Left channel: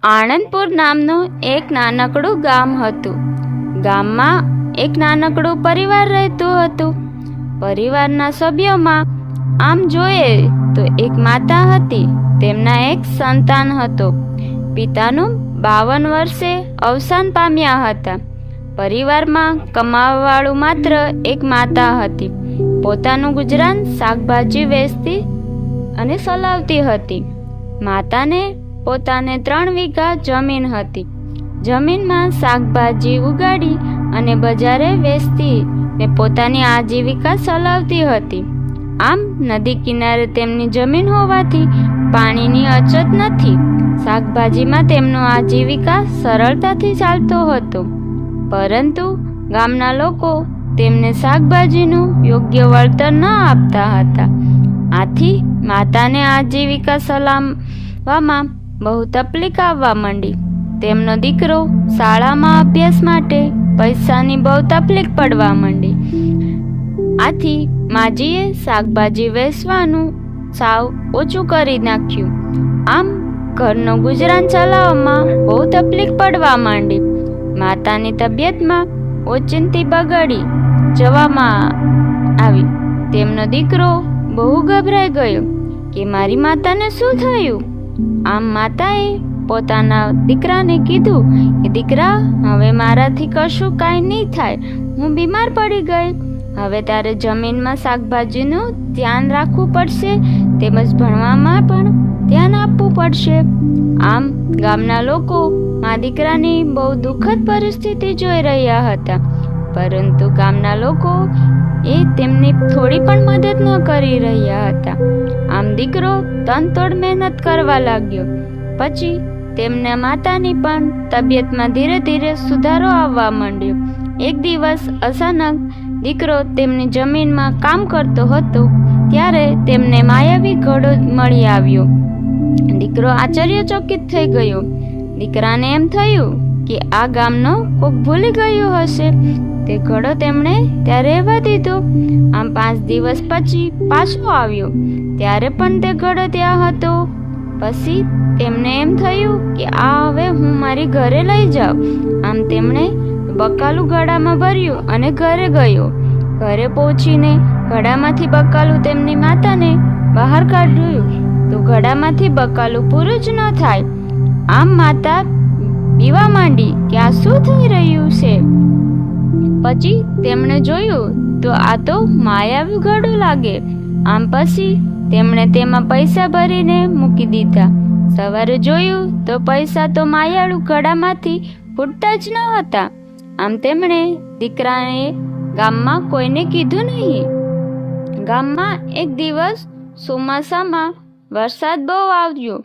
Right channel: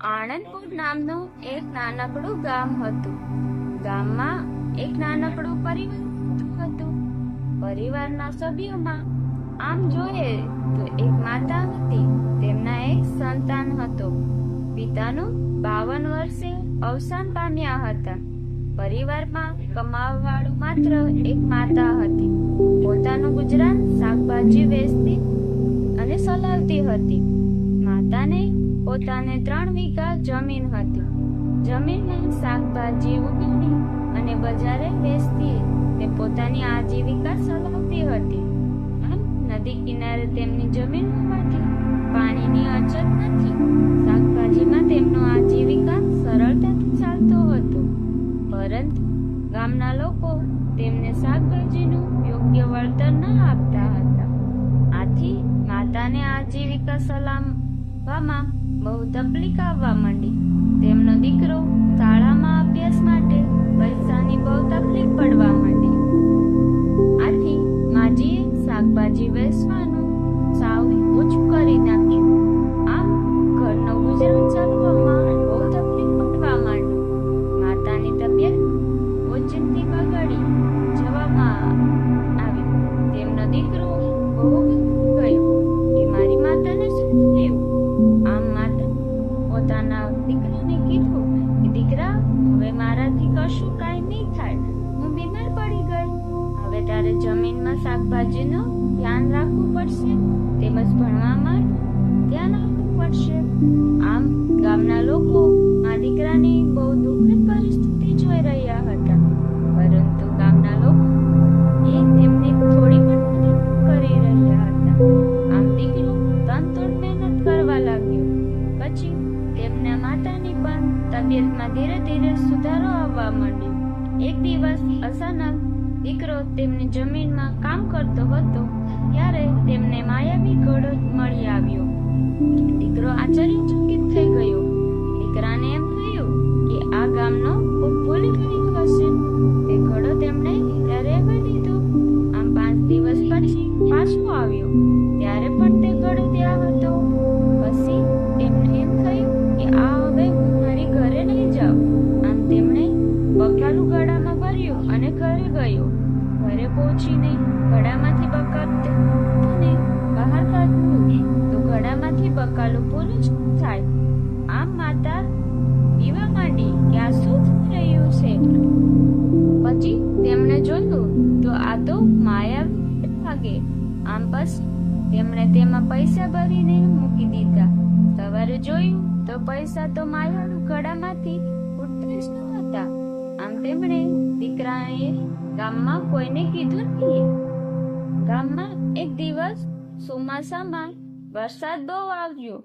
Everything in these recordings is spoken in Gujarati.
આણંદપુર નામનું એક નાનકડું ગામ હતું. ગામમાં એક નાનકડું પરિવાર રહેતું હતું. પરિવારના સભ્યોમાં આમ જોઈએ તો એક માતા હતી. તેમના એક સંતાન હતો. પિતાનું 52 વર્ષે અવસાન પામ્યા હતા. પરિવારમાં કમાવાવાળું માત્ર એક માતા હતી. પોતાનું ગુજરાન શાકભાજી વેચતી અને ચલાવતી હતી. માતાને પોતાને 3 વીઘા જમીન હતી. જમીનમાં શાકભાજી ઉગાડી અને બજારે વેચતી ને પોતાની આજીવિકા ચલાવતી હતી. આમ નદી કિનારે તેમની જમીન હોવાથી પાણીની અછત નથી. શાકભાજીમાં તેમનો આજીવિકા સરળતાથી ચાલતો હતો. પરંતુ ગામના લોકો તેમને શાકભાજીનું યોગ્ય વળતર ન આપતા હતા. આથી માતાને આજીવિકા ચલાવવામાં બહુ તકલીફ આવવા માંડી. તેમનો દીકરો શાળામાં અભ્યાસ માટે પૈસાની બહુ તકલીફ પડવા માંડી. આથી માજીએ શાકભાજી વેચવાનું સાવ ઓછું કરી નાખ્યું. આમ ઘરનું ગુજરાન ચલાવવામાં બહુ તકલીફ પડવા માંડી. માતાની તબિયતમાં ઓચિંતી બગડી જવામાં આવી. તેમનો દીકરો બહુ ગભરાઈ ગયો કે મારી માતાને શું થયું. આમ માતાએ પોતાના દીકરાને કીધું કે દીકરા, હવે મારાથી કશું કાંઈ નહીં થાય. હું બીમાર પડી ગઈ. હવે તારે જમીનમાં શાકભાજીનું ધ્યાન રાખવું પડશે, તેમજ ભણવામાં પણ ધ્યાન આપવું પડશે. આમ ગામના લોકો મા દીકરાની બહુ દુઃખદ પરિસ્થિતિ જોઈ રહ્યા હતા. પરંતુ ગામના લોકો તેમની થોડી પણ મદદ ન કરી રહ્યા હતા. આમ દીકરો તનતોડ મહેનત કરવા લાગ્યો. પછી તેમના માતાની પણ તબિયતમાં ધીરે ધીરે સુધારો આવવા માંડ્યો. એક દિવસ અચાનક દીકરો તેમની જમીનમાં કામ કરતો હતો ત્યારે તેમને માયાવી ઘડો મળી આવ્યો. દીકરો આશ્ચર્યચકિત થઈ ગયો. દીકરાને એમ થયું કે આ ગામનો કોક ભૂલી ગયો હશે. તે ઘડો તેમણે ત્યાં રહેવા દીધો. આમ 5 દિવસ પછી પાછો આવ્યો ત્યારે પણ તે ઘડો ત્યાં હતો. પછી તેમને એમ થયું કે આ હવે હું મારી ઘરે લઈ જાઉં. આમ તેમણે બકાલું ઘડામાં ભર્યું અને ઘરે ગયો. ઘરે પહોંચીને ઘડામાંથી બકાલું તેમની માતાને બહાર કાઢ્યું તો ઘડામાંથી બકાલું પૂરું જ ન થાય. આમ માતા પીવા માંડી કે આ શું થઈ રહ્યું છે. પછી તેમણે જોયું તો આ તો માયાવી ઘડો લાગે. આમ પછી તેમણે તેમાં પૈસા ભરીને મૂકી દીધા. સવારે જોયું તો પૈસા તો માયાળુ ઘડામાંથી ફૂટતા જ ન હતા. આમ તેમણે દીકરાએ ગામમાં કોઈને કીધું નહીં. ગામમાં એક દિવસ ચોમાસામાં વરસાદ બહુ આવ્યો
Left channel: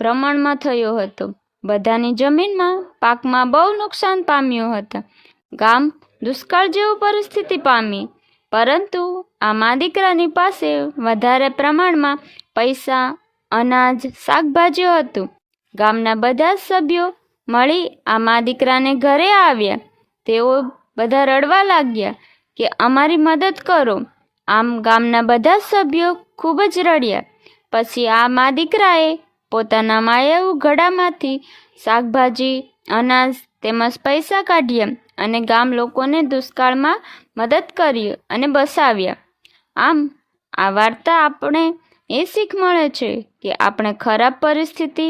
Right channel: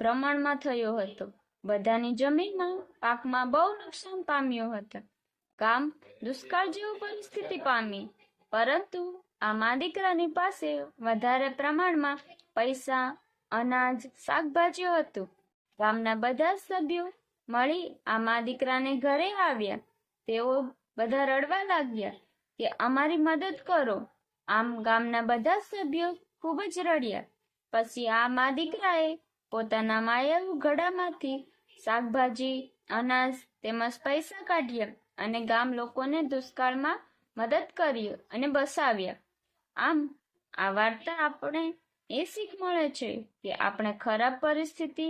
પ્રમાણમાં થયો હતો. બધાની જમીનમાં પાકમાં બહુ નુકસાન પામ્યું હતા. ગામ દુષ્કાળ જેવી પરિસ્થિતિ પામી. પરંતુ આ મા દીકરાની પાસે વધારે પ્રમાણમાં પૈસા, અનાજ, શાકભાજીઓ હતું. ગામના બધા જ સભ્યો મળી આ મા દીકરાને ઘરે આવ્યા. તેઓ બધા રડવા લાગ્યા કે અમારી મદદ કરો. આમ ગામના બધા જ સભ્યો ખૂબ જ રડ્યા. પછી આ મા દીકરાએ પોતાના માયાળુ ઘડામાંથી શાકભાજી, અનાજ તેમજ પૈસા કાઢ્યા અને ગામ લોકોને દુષ્કાળમાં મદદ કરી અને બસાવ્યા. આમ આ વાર્તા આપણે એ શીખ મળે છે કે આપણે ખરાબ પરિસ્થિતિ,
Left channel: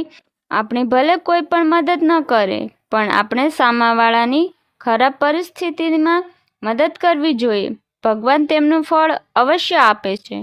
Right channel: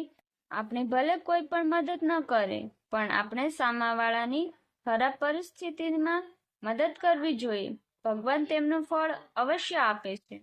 આપણે ભલે કોઈ પણ મદદ ન કરે પણ આપણે સામાવાળાની ખરાબ પરિસ્થિતિમાં મદદ કરવી જોઈએ. ભગવાન તેમનું ફળ અવશ્ય આપે છે.